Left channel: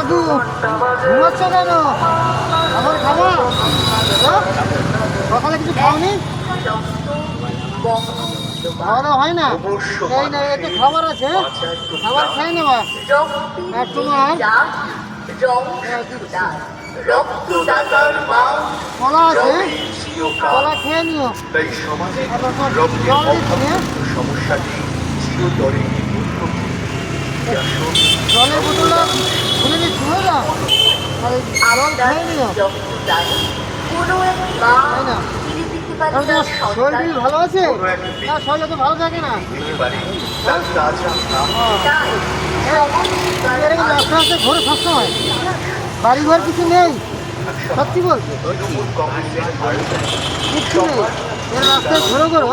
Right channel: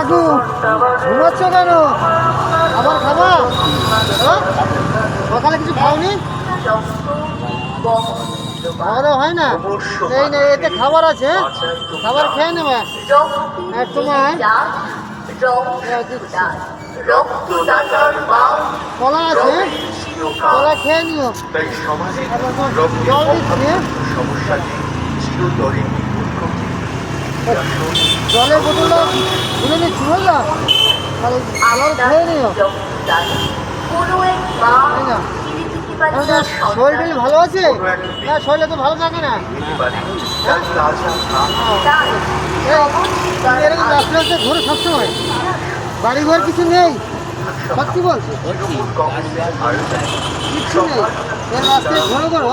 দাদু ঘুমাচ্ছ কেন? খাবার খাবো? সকালে কিছু খাওনি? খাওয়া হয় না? এই না, এতে খাবার আছে, খাবার খেয়ে নেওয়া। আর তোমার কলা আছে, কলা খেয়ে নিও। তাই সমাজে রক্তের অভাব সমস্যাটি চিরতরে জলের বোতল ভুলে নিচ্ছি, বুঝলো? জল খেয়ে নিও। শরীর ভালো আছে? হ্যাঁ, শরীরে তো ভালো থাকে না। ঘরে সবসময় বাড়ি ঘর কিছু নেই, সত্যি বলছে কিচ্ছু নেই। রাস্তায় ঘরে ঘর,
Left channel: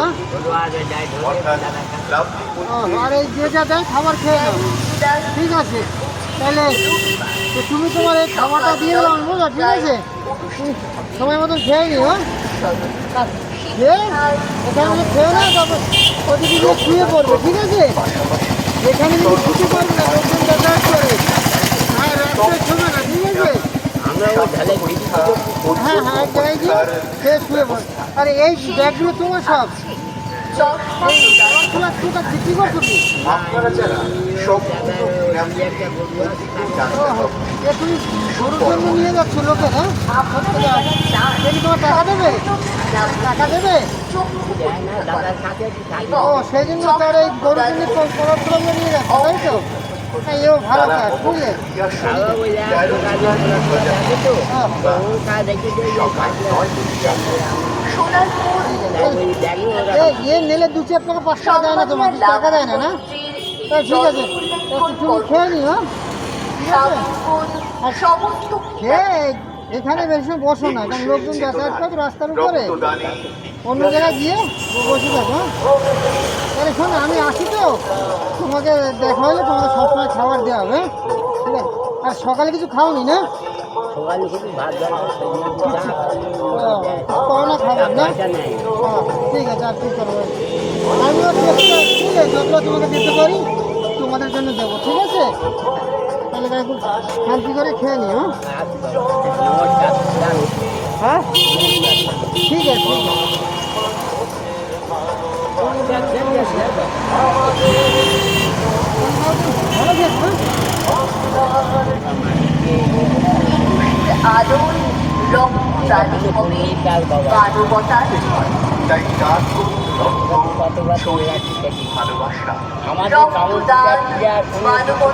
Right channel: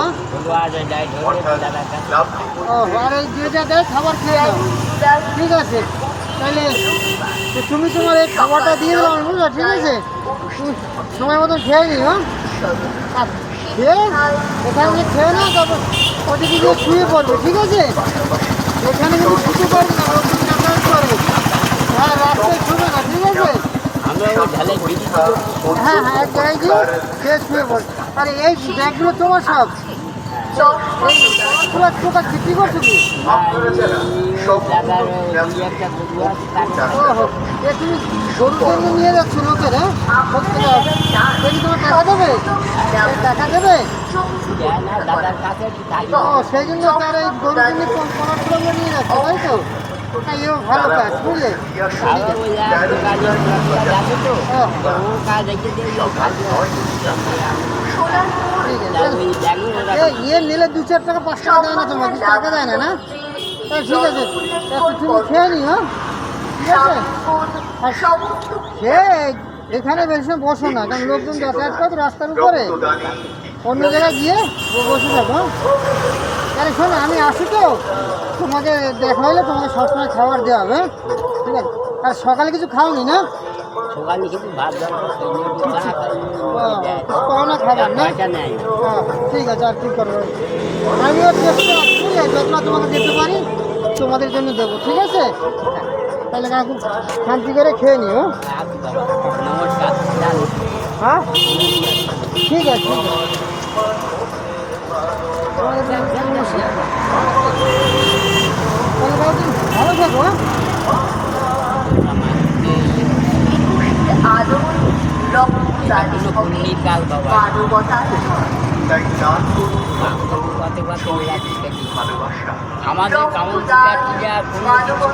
আর এই যে যা দেয় খাবার খেয়ে নাও। ঠিক আছে, তাহলে তুমি তোমার এই খাবারটা দিয়ে দেবো না? ঠিক আছে, তুমি সময় মতন খেয়ে নিও। খেয়ে এখানে খেয়ে নাও, তারপর ওদিকে শুয়ে পড়বে। ঠিক আছে, এখানে কিন্তু শুতে পারবে না, ওরকম যাতায়াত করবে। হ্যাঁ, রাস্তায় শুবে না। ঠিক আছে, হ্যাঁ হ্যাঁ, এক জায়গায় গিয়ে খেয়ে শুয়ে পড়বে। আরে এই ব্যাগগুলো তোমার সব কি করছো তুমি? তুমি গরুর জন্য নিয়ে যাচ্ছ লোকের? হ্যাঁ, তোমার টাকা দেবে? টাকা দেবে? ও, সেই জন্য তার এই গরুর জন্য খবরগুলো নিয়ে যাচ্ছে, তাই তো? এও ভালো কাজ, বুঝলে? ইয়ে নিলে 2-4 টাকা 5 টাকা দেয় না, তোমাকে টাকা দেয় না? না, ঠিক আছে, তুমি খেয়ে নি। হ্যাঁ, খেয়ে এখানে বেশি বসো না, কারণ লোকজন যাতায়াত করে রাস্তার উপরে, অন্য জায়গায় গিয়ে বসে থাকো। তাহলে শোনো, আমি আসি তো, তোমাকে দেখা হলে তোমাকে সবসময় খাবার দেওয়া হবে। ঠিক আছে, আর সকালে কিছু খাওনি না? পাওনা খাবার না? ঠিক আছে, আর কি করবো, আমিও যেগুলো তোমাকে দিতে পারি তোমাদের জন্য দেবো। ঠিক আছে, তাহলে খুব শান্তি করে খেয়ে নিও। হ্যাঁ, ঠিক আছে। ভালো থাকো। আলো রক্তদান হবে মানবতার তাই দান করুন রক্ত, শরীর, ভালোবাসা। রক্তদান মানবতা।